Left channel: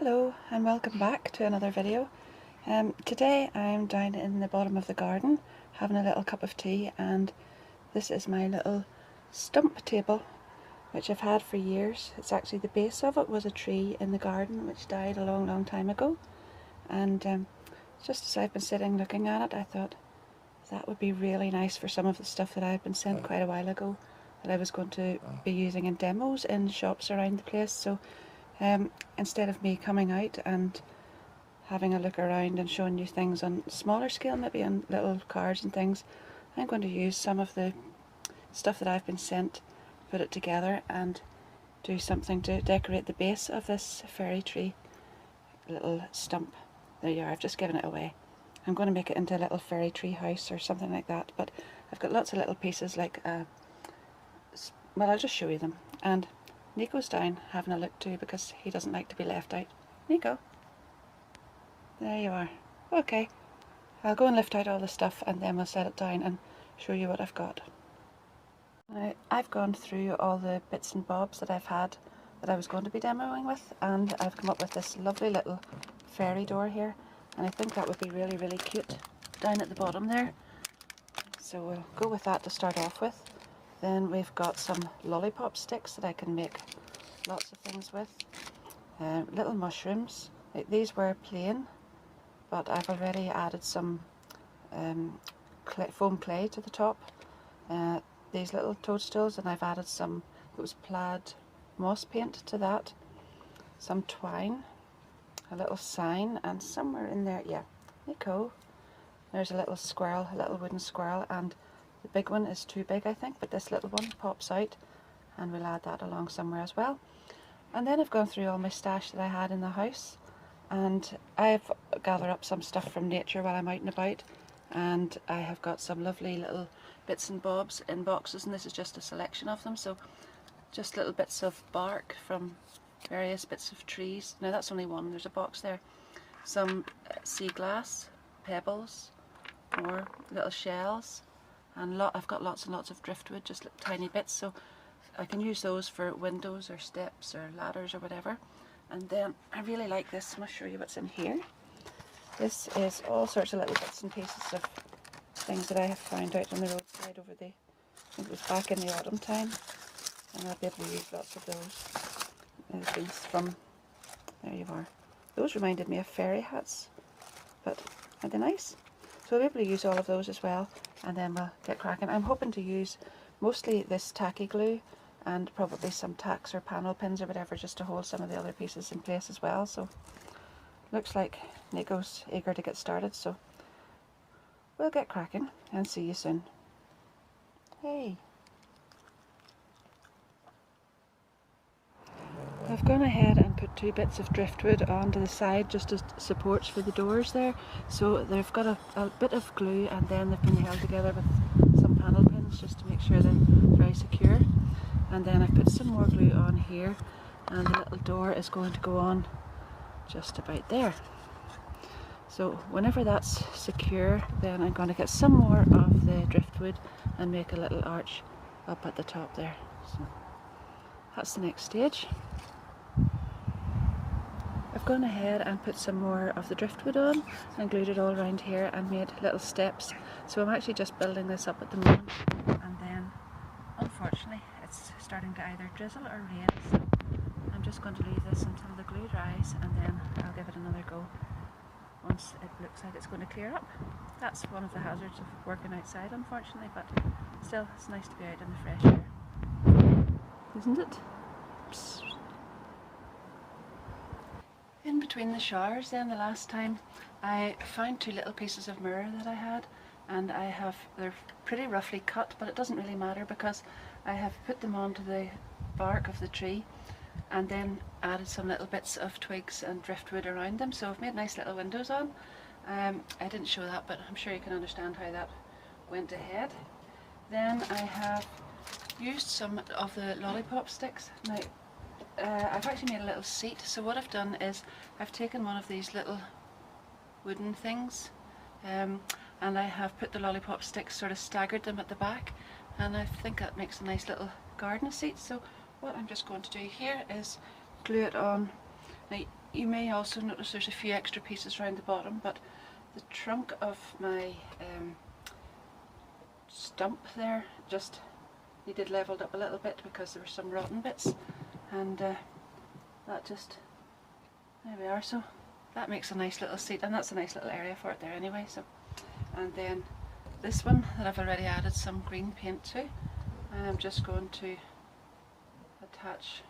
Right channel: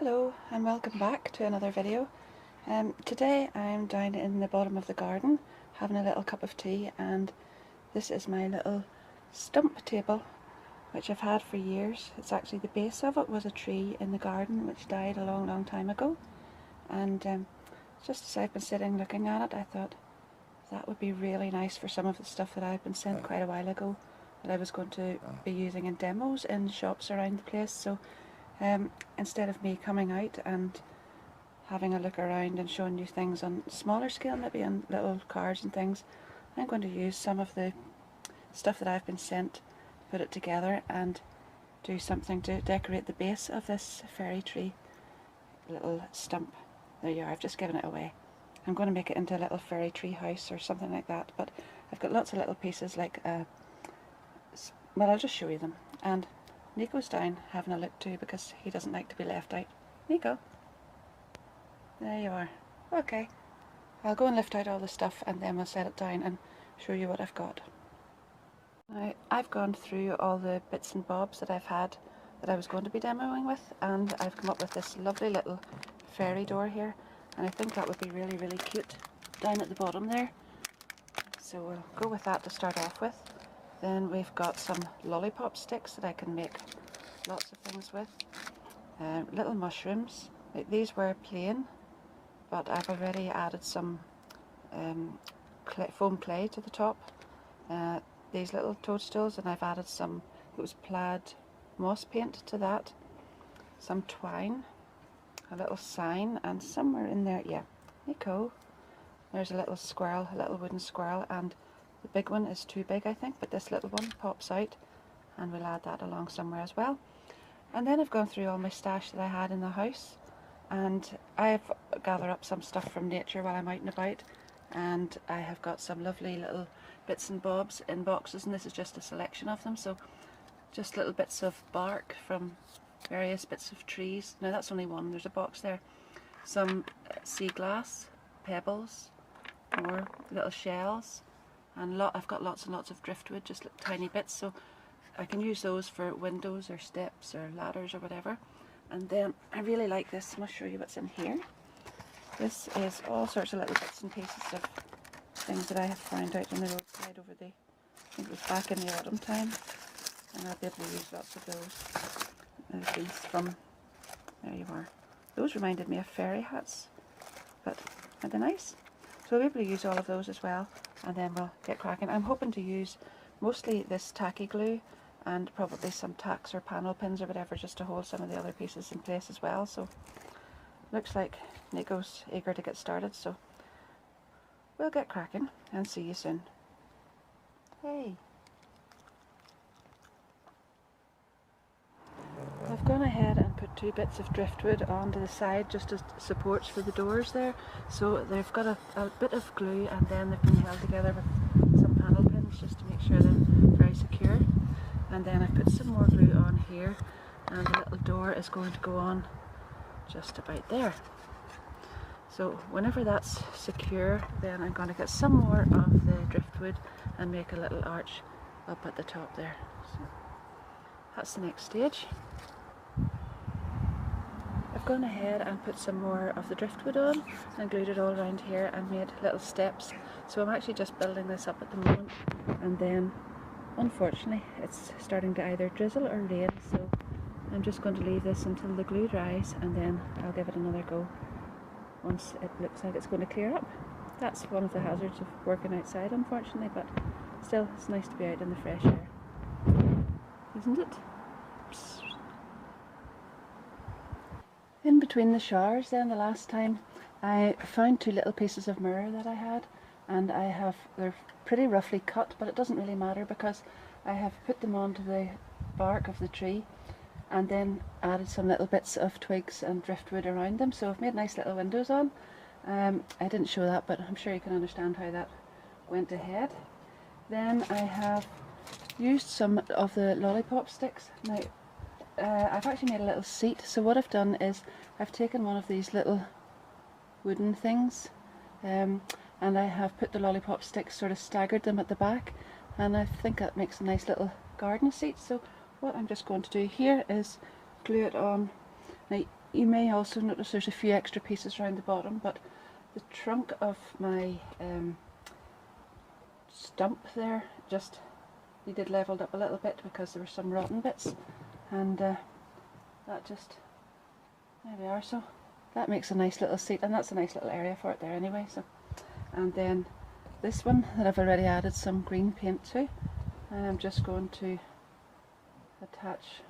Hello and welcome back to another video. Today I'm down in the bottom of the garden having a little cup of tea, and this is my little stump table which I've had for years. It's actually, the base of it was a tree in the garden which died a long time ago, and just as I've been sitting looking at it, I thought that would be really nice for some of the stuff that I've been sent quite a while ago that I was going to be using in demos in shops around the place. So instead of me coming out and having a look around and showing you things on smaller scale, maybe on little cards and things, I'm going to use some of the stuff that I've been sent, put it together and do something to decorate the base of this fairy tree little stump. There you are, I've just given it away. I'm going to make it into a little fairy tree house or something like that, but I've got lots of little pieces like, well, I'll just show you them. And Nico's down having a look too because he doesn't like to be left out. Nico, there you are. Okay, I'll go and lift out all the stuff and then we'll set it down and show you what I've got. Now, I've gone through all the bits and bobs that I've had that I was going to be demoing with, and I've come up with this lovely little fairy door here, and I think that would be really cute down at the bottom there. So we'll go with that to start off with. Then we've got some lollipop sticks that I can make lots of things with. Little mushrooms. These were plain, but I've already added some foam clay to the top. These little toadstools, and I've added some, it was plaid moss paint to that. Some twine, a little sign, and somewhere in there, yeah, Nico, there's a little squirrel, a little wooden squirrel, and the big one is too big I think, but this little one pops out and we'll add that along somewhere as well. And then I've gone through all my stash that I had in the house, and I've gathered up some stuff from nature while I'm out and about, and I have got some lovely little bits and bobs in boxes, and this is just a selection of them. So just little bits of bark from various bits of trees. Now that's only one, there's a box there. Some sea glass, pebbles, more little shells, and I've got lots and lots of driftwood, just little tiny bits, so I can use those for windows or steps or ladders or whatever. And then I really like this, I'm going to show you what's in here. This is all sorts of little bits and pieces of things that I have found out on the roadside over the, I think it was back in the autumn time, and I'll be able to use lots of those. Things from, there you are, those reminded me of fairy hats, but aren't they nice? So I'll be able to use all of those as well, and then we'll get cracking. I'm hoping to use mostly this tacky glue and probably some tacks or panel pins or whatever, just to hold some of the other pieces in place as well. So looks like Nico's eager to get started, so we'll get cracking and see you soon. Hey! I've gone ahead and put two bits of driftwood onto the side just as supports for the doors there. So they've got a bit of glue, and then they've been held together with some panel pins just to make sure they're very secure. And then I've put some more glue on here, and the little door is going to go on just about there. So whenever that's secure, then I'm going to get some more of the driftwood and make a little arch up at the top there. So that's the next stage. I've gone ahead and put some more of the driftwood on and glued it all around here and made little steps. So I'm actually just building this up at the moment, and then unfortunately it's starting to either drizzle or rain, so I'm just going to leave this until the glue dries, and then I'll give it another go once it looks like it's going to clear up. That's one of the hazards of working outside, unfortunately, but still it's nice to be out in the fresh air, isn't it? Psst. In between the showers then, the last time, I found two little pieces of mirror that I had, and they're pretty roughly cut, but it doesn't really matter because I have put them onto the bark of the tree and then added some little bits of twigs and driftwood around them, so I've made nice little windows on. I didn't show that, but I'm sure you can understand how that went ahead. Then I have used some of the lollipop sticks. Now, I've actually made a little seat, so what I've done is I've taken one of these little wooden things, and I have put the lollipop sticks, sort of staggered them at the back, and I think that makes a nice little garden seat. So what I'm just going to do here is glue it on. Now you may also notice there's a few extra pieces around the bottom, but the trunk of my stump there just needed levelled up a little bit because there were some rotten bits, and that just, there we are. So that makes a nice little seat, and that's a nice little area for it there anyway. So, and then this one that I've already added some green paint to, I'm just going to attach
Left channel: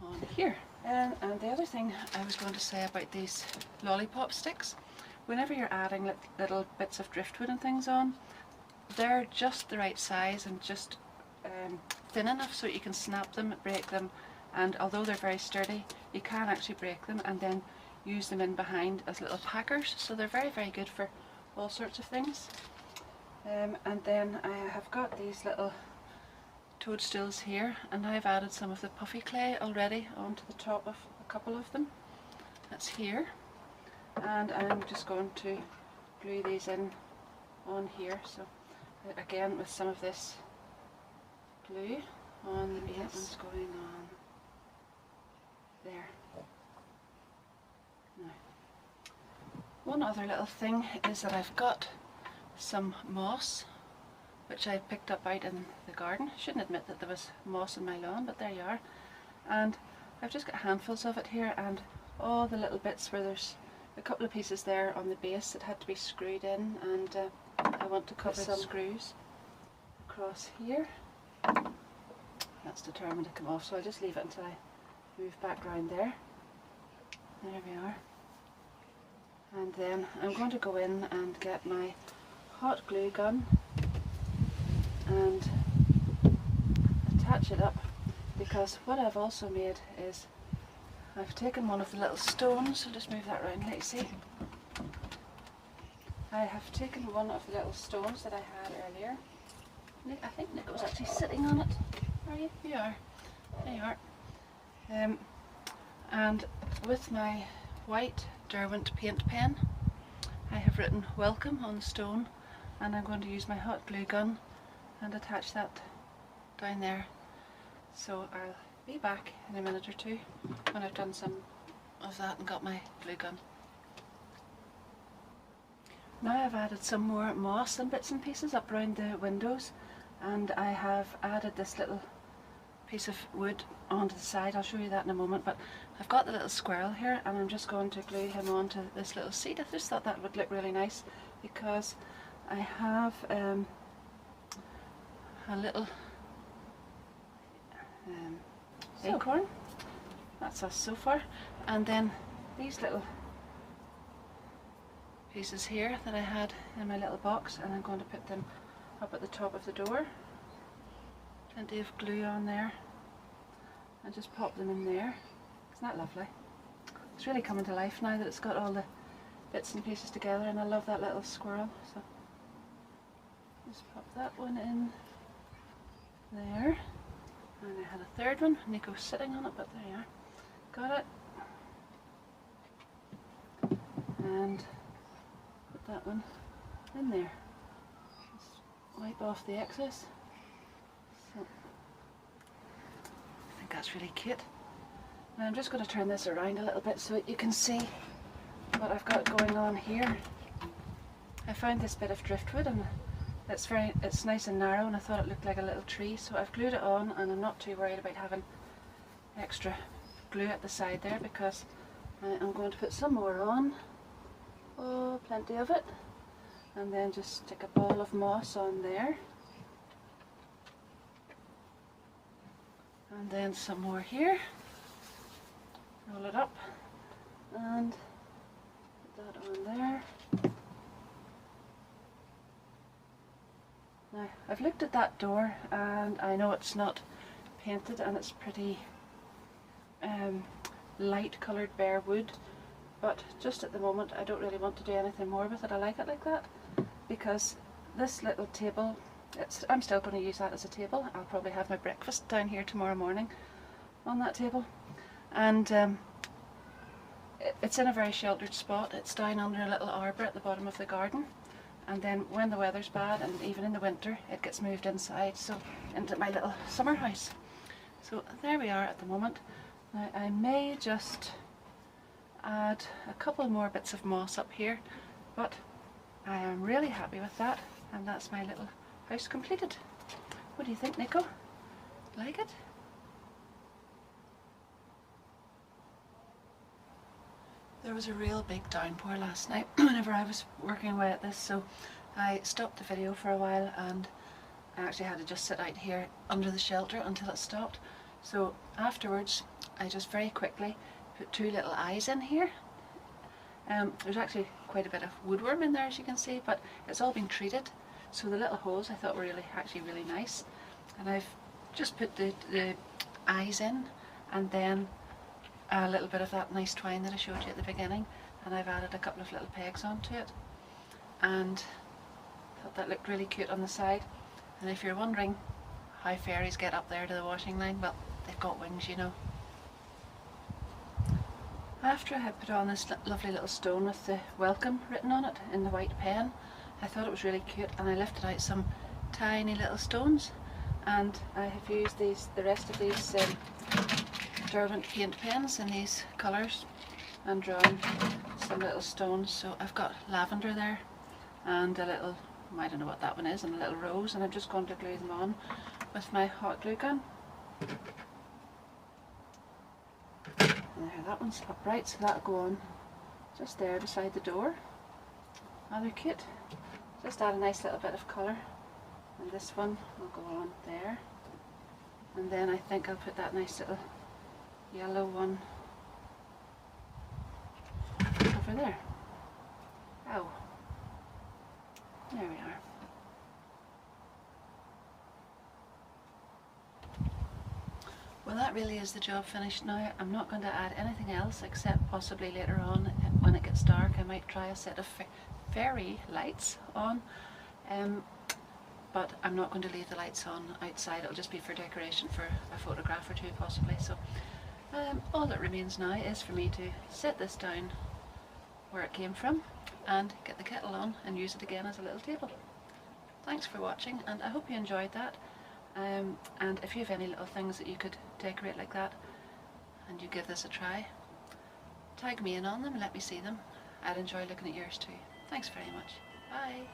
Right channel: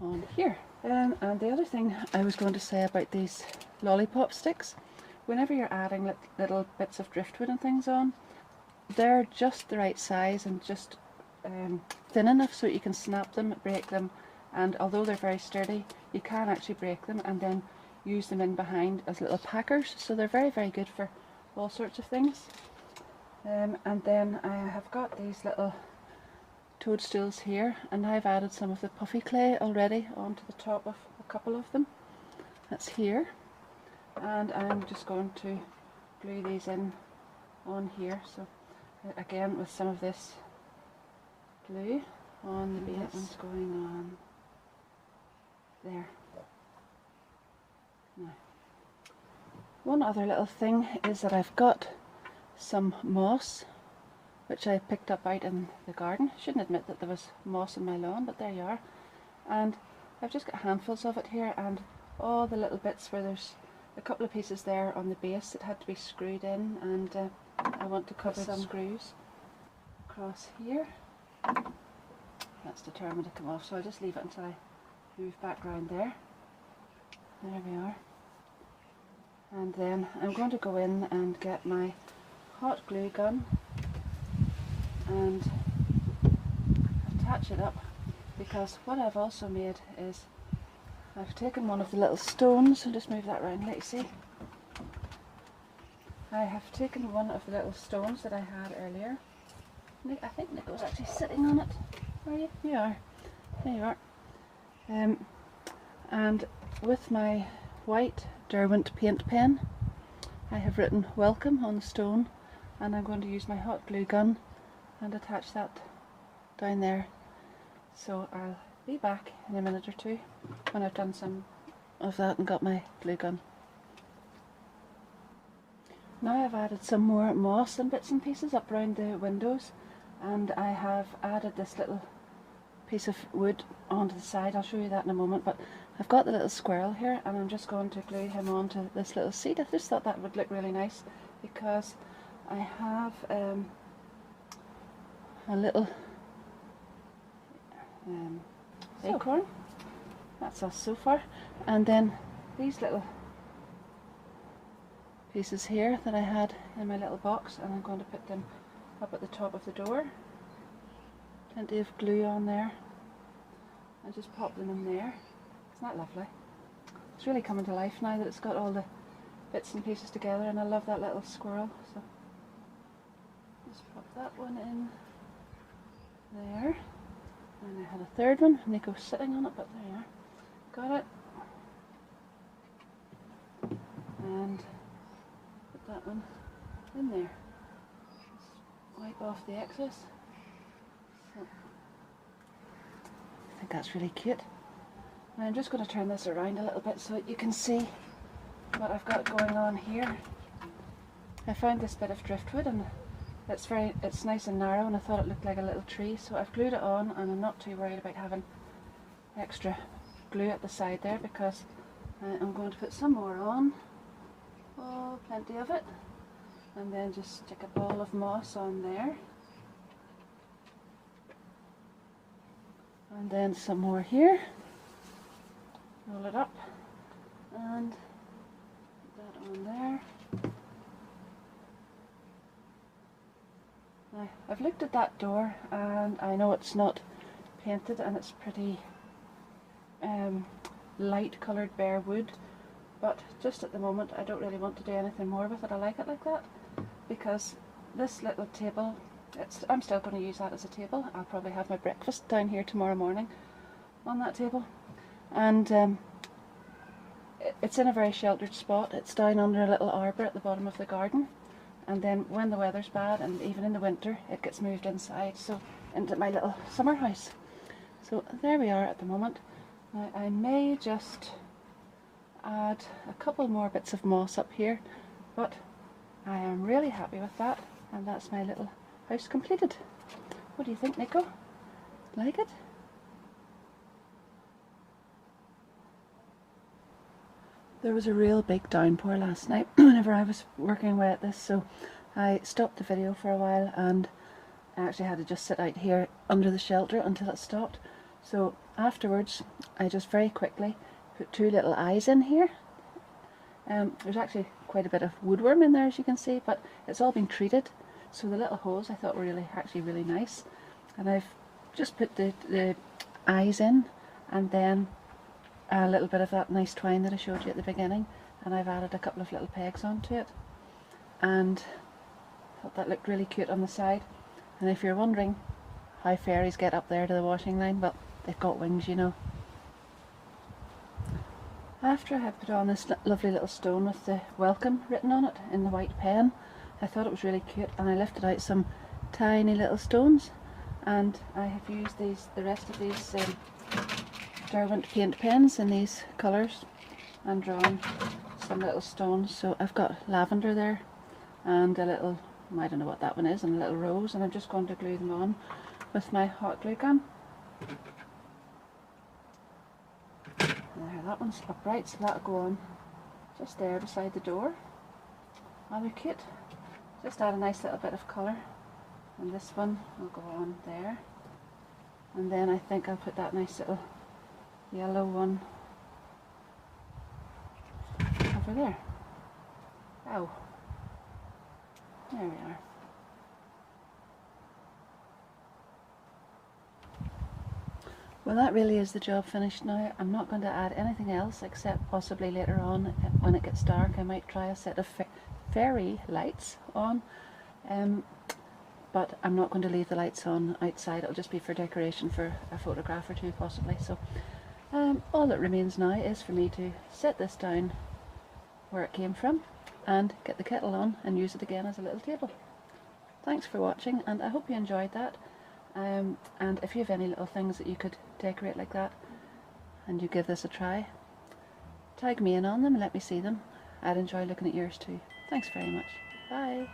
on here. And the other thing I was going to say about these lollipop sticks, whenever you're adding little bits of driftwood and things on, they're just the right size and just thin enough so you can snap them, break them, and although they're very sturdy, you can actually break them and then use them in behind as little packers, so they're very, very good for all sorts of things. And then I have got these little toadstools here, and I've added some of the puffy clay already onto the top of a couple of them. That's here, and I'm just going to glue these in on here. So again, with some of this glue on the base, that one's going on there. Now, one other little thing is that I've got some moss which I picked up out in the garden. Shouldn't admit that there was moss in my lawn, but there you are. And I've just got handfuls of it here, and all the little bits where there's a couple of pieces there on the base that had to be screwed in, and I want to cover some screws across here. That's determined to come off, so I'll just leave it until I move back round there. There we are. And then I'm going to go in and get my hot glue gun and attach it up, because what I've also made is I've taken one of the little stones. I'll just move that around, let you see. I have taken one of the little stones that I had earlier. I think Nick was actually sitting on it. Are you? You are. There you are. And with my white Derwent paint pen, I have written welcome on the stone, and I'm going to use my hot glue gun and attach that down there. So I'll be back in a minute or two when I've done some of that and got my glue gun. Now I've added some more moss and bits and pieces up around the windows, and I have added this little piece of wood onto the side. I'll show you that in a moment, but I've got the little squirrel here, and I'm just going to glue him onto this little seat. I just thought that would look really nice because I have a little acorn. That's us so far. And then these little pieces here that I had in my little box, and I'm going to put them up at the top of the door. Plenty of glue on there, and just pop them in there. Isn't that lovely? It's really coming to life now that it's got all the bits and pieces together, and I love that little squirrel. So just pop that one in there. And I had a third one, Nico's sitting on it, but there you are. Got it. And put that one in there. Just wipe off the excess. So, I think that's really cute. Now I'm just going to turn this around a little bit so that you can see what I've got going on here. I found this bit of driftwood, and it's nice and narrow, and I thought it looked like a little tree, so I've glued it on, and I'm not too worried about having extra glue at the side there, because I'm going to put some more on. Oh, plenty of it. And then just stick a ball of moss on there. And then some more here. Roll it up and put that on there. Now, I've looked at that door, and I know it's not painted, and it's pretty light coloured bare wood, but just at the moment I don't really want to do anything more with it. I like it like that, because this little table, I'm still going to use that as a table. I'll probably have my breakfast down here tomorrow morning on that table, and it's in a very sheltered spot. It's down under a little arbour at the bottom of the garden, and then when the weather's bad, and even in the winter, it gets moved inside, so into my little summer house. So there we are at the moment. Now I may just add a couple more bits of moss up here, but I am really happy with that, and that's my little house completed. What do you think, Nico? Like it? There was a real big downpour last night whenever I was working away at this, so I stopped the video for a while and I actually had to just sit out here under the shelter until it stopped. So afterwards I just very quickly put 2 little eyes in here. There's actually quite a bit of woodworm in there, as you can see, but it's all been treated, so the little holes I thought were really nice. And I've just put the eyes in, and then a little bit of that nice twine that I showed you at the beginning, and I've added a couple of little pegs onto it, and thought that looked really cute on the side. And if you're wondering how fairies get up there to the washing line, well, they've got wings, you know. After I had put on this lovely little stone with the welcome written on it in the white pen, I thought it was really cute, and I lifted out some tiny little stones, and I have used the rest of these Derwent paint pens in these colours and drawn some little stones. So I've got lavender there and a little, I don't know what that one is, and a little rose, and I'm just going to glue them on with my hot glue gun. There, that one's upright, so that'll go on just there beside the door. Rather cute. Just add a nice little bit of colour, and this one will go on there, and then I think I'll put that nice little yellow one over there. Oh, there we are. Well, that really is the job finished now. I'm not going to add anything else, except possibly later on when it gets dark I might try a set of fairy lights on, but I'm not going to leave the lights on outside. It'll just be for decoration for a photograph or 2 possibly. So all that remains now is for me to set this down where it came from and get the kettle on and use it again as a little table. Thanks for watching, and I hope you enjoyed that. And if you have any little things that you could decorate like that and you give this a try, tag me in on them and let me see them. I'd enjoy looking at yours too. Thanks very much. Bye.